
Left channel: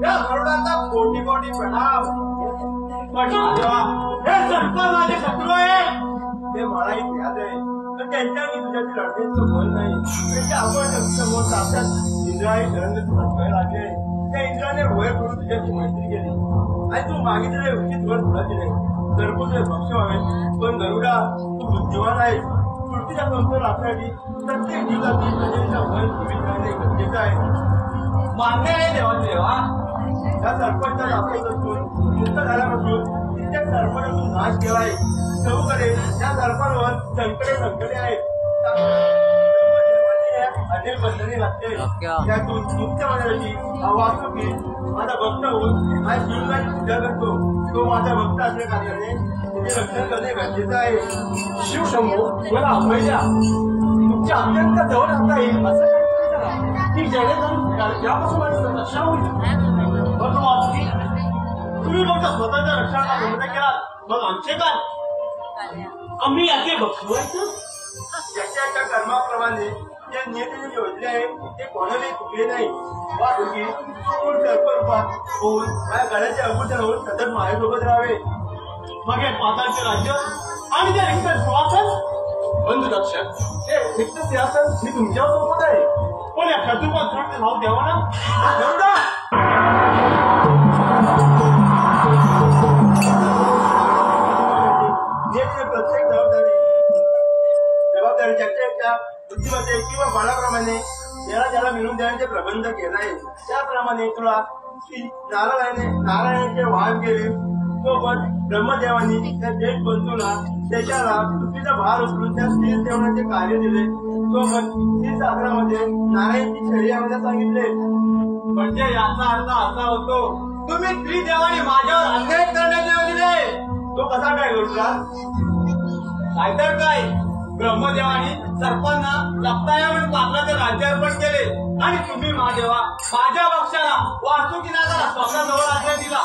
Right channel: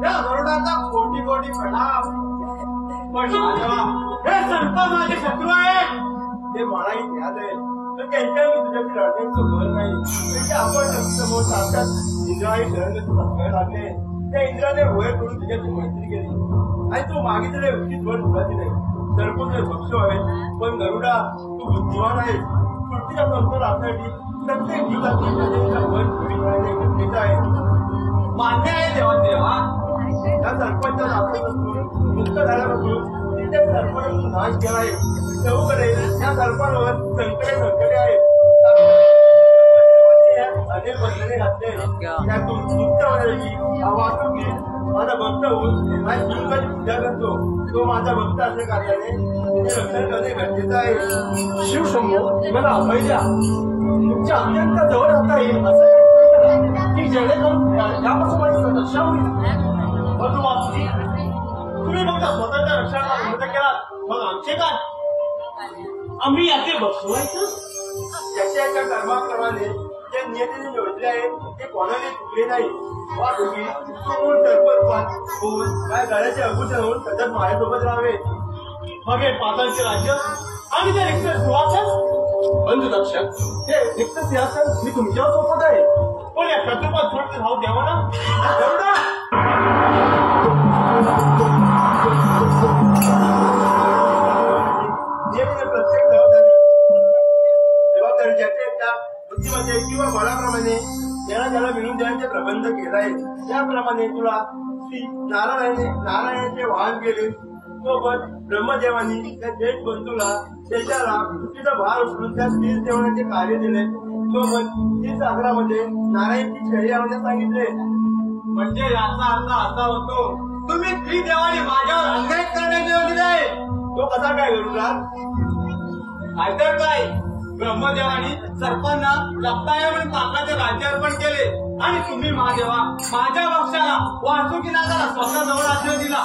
या गरुडाचा कोटी कोटी प्रणाम. पण देवा, हे सर्प माझे शत्रू आहे. ते मलाही ध्यान आहे, पण त्यांच्याही तुझ्याशी लढण्याचं बळ नाही. म्हणजे आपण समोर साक्षात इंद्राही धरण सत्काय लागले. त्या इंद्राने भोय करून तुझ्याशी मैत्री केली आणि तू मागितले उचित वर तुला दिले. सर्प तुझे भक्ष व्हावे, पण गरुडा तू बुद्धिवान आहे. सृष्टीच्या संसार आपल्यासाठी प्रत्येक जीवला तुझ्या वर पुढे करणे गरजेचं आहे. मान्य आहे देवा. देवा, या सरपंचा मुक्त झाल्यापासून तिथे सरपंच नाश केलाय. चौकडे या सरपंचावर संकटे आहेत. अनिल बंधने घातले. त्यातून मुक्त होण्याची वाहतूक घे. माझा भक्त होऊन माझ्या जीवनाची पूजा करतो. तो माझा भक्त असल्या कार्याने तिथे रक्षण करणे गरजेचं आहे. शिवशंभू, मला अभय द्या. तुमच्या अत्यंत जवळ आता येईल असं की जेणेकरून यापासून माझी रक्षा होईल. परंतु मावशी, तुम्ही फक्त स्वतःच्या रक्षणाला निर्णय केला, मग आमचे काय? आम्ही याचे बघवायचं. ज्याच्या एका कर्माप्रमाणे ज्या नियतीने योजले आहे ते कोणालाही चुकले नाही. वासुकी चूळ सरपरपण होऊन माझ्या गळ्याचे अगोदर होऊन सतत माझ्यासोबत राहावे. मग हे पाताळचे राज्य आणि ते रिक्त सिंहासन, बंधू लक्षात ते रिक्त सिंहासन मी तुमच्यावर सोपत आहे. पण या शत्रुपात थोडं धाव द्यावा ना. गरुडा! नियतीने प्रत्येक जबाबदारी ज्याच्या एकटा बुद्धिमत्ते किंवा बळाप्रमाणे ज्याला मिळून द्यायचे प्रबंध केलाय त्याप्रमाणे तुला श्री नारायणाचे वाहन केले. सोबत ब्रह्मदेवानी त्या देश बंधूला त्याच्याला पृथ्वीचा भार उचलून त्या स्त्री ठेवण्याचे कार्य दिले. सोबत श्री सागरामध्ये नारायणची शैली आणण्यास सांगितले. म्हणजे याचा अर्थ असा होतो तुम्ही स्त्री देवाने माझ्यावर अन्याय करण्याचे योजले. तो कसा काय घडला? नाहीतर काय, ब्रह्मदेवानी सर्पांना लपतायावरून पात्राचे राज्य अर्पण केले आणि तुम्ही महादेवा माझ्या पक्षाला वासुकीनाथाला स्वतः जवळ आश्रय दिला.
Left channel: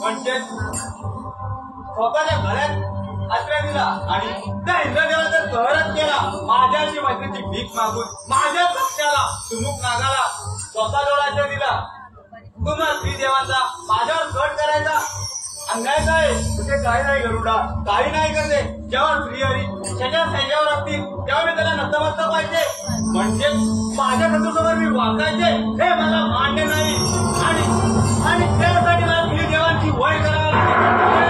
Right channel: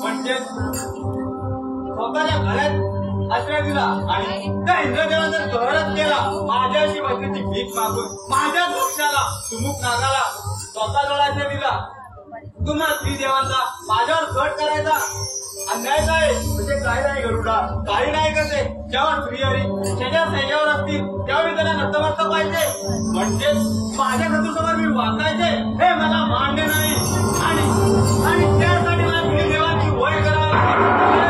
म्हणजे स्वतःच्या घरात आश्रय दिला आणि त्या इंद्रदेवाचा कहरच केला. माझ्याशी मैत्रीची भीक मागून माझ्या पक्षाला सुमुख नागाला स्वतः जवळ आश्रय दिला. तुम्हा श्रीदेवाचा माझ्यावर कट करायचा अन्याय काय? म्हणजे काय नाही गरुडा, काही नाही करते. जेव्हा श्रीहरी त्याच्या त्याच्यावर असतील तेव्हा मी त्याला नतमस्तक पाहिजे. म्हणजे माझ्या शत्रूसमोर मी वाकायचे हे मला मान्य नाही आणि त्यासाठी मला श्रीदेवांची वय करावी लागते.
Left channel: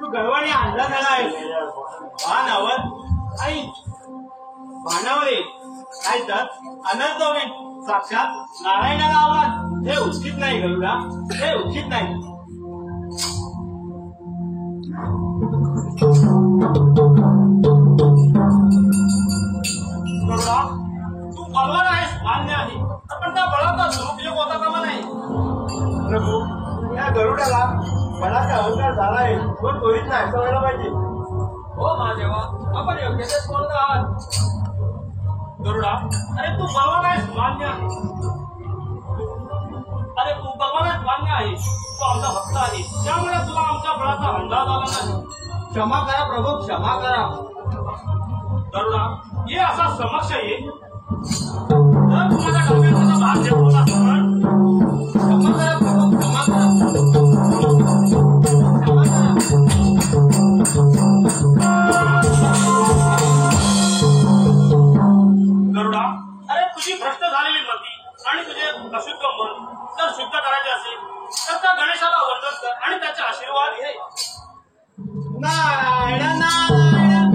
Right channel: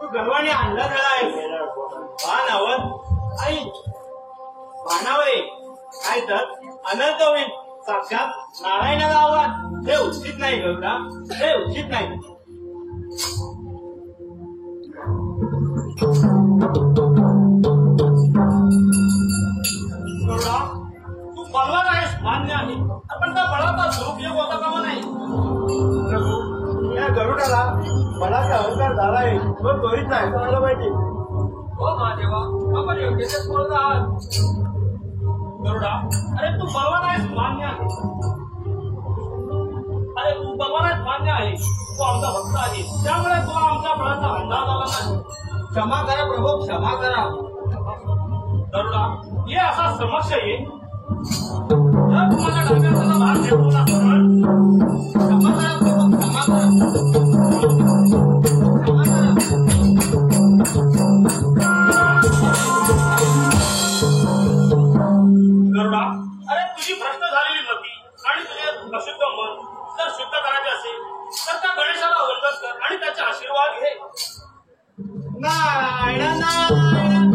तू गर्वाने आणला झालाय. पान अवल आणि पानावरे काय तर अनंत होईल. साक्षात नारायणाला आव्हान हे उचित नाही गरुडा, हे उचित नाही. गरुडा, तू बलवान आहेस मान्य आहे, पण त्या बळाचा दुरुपयोग होता कामा नाही. प्रभू, या गरुडाला बळाचा अहंकार झाला आहे, तो त्वरित जायचं व्हायला पाहिजे. हो महादेवा, आपण योग्य तेच बोलत आहात. गरुडा, अरे तू बलवान आहेस मान्य आहे, अरे तू बलवान आहेस मान्य आहे, तू आमचा भक्त आहे, त्यामुळे तुला आमच्या बळाचा अंदाज आला नाही. क्षमा करा प्रभू, क्षमा करा. गरुडा, ये असा समक्ष ये. जर तुम्हाला डोक्याचा भाग ठेवला असेल तर क्षमा करा प्रभू, क्षमा करा. क्षमा करा. गरुडा, अरे तुझी भ्रष्ट झालेली मती आणि तुझे अशुद्ध मन जर शुद्ध करायचे असेल तर त्या गणेशाला वंदन कर आणि त्याचे आशीर्वाद घे. नारायण नारायण.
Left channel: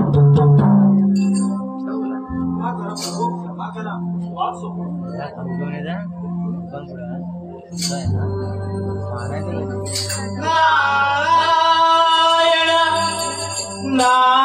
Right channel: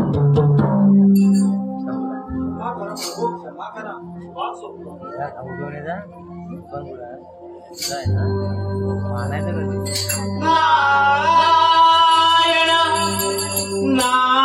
क्षमा करा प्रभू, क्षमा करा. उगवण्याचा पण पुढं जाय ना मानायचं कधी नारायण नारायण.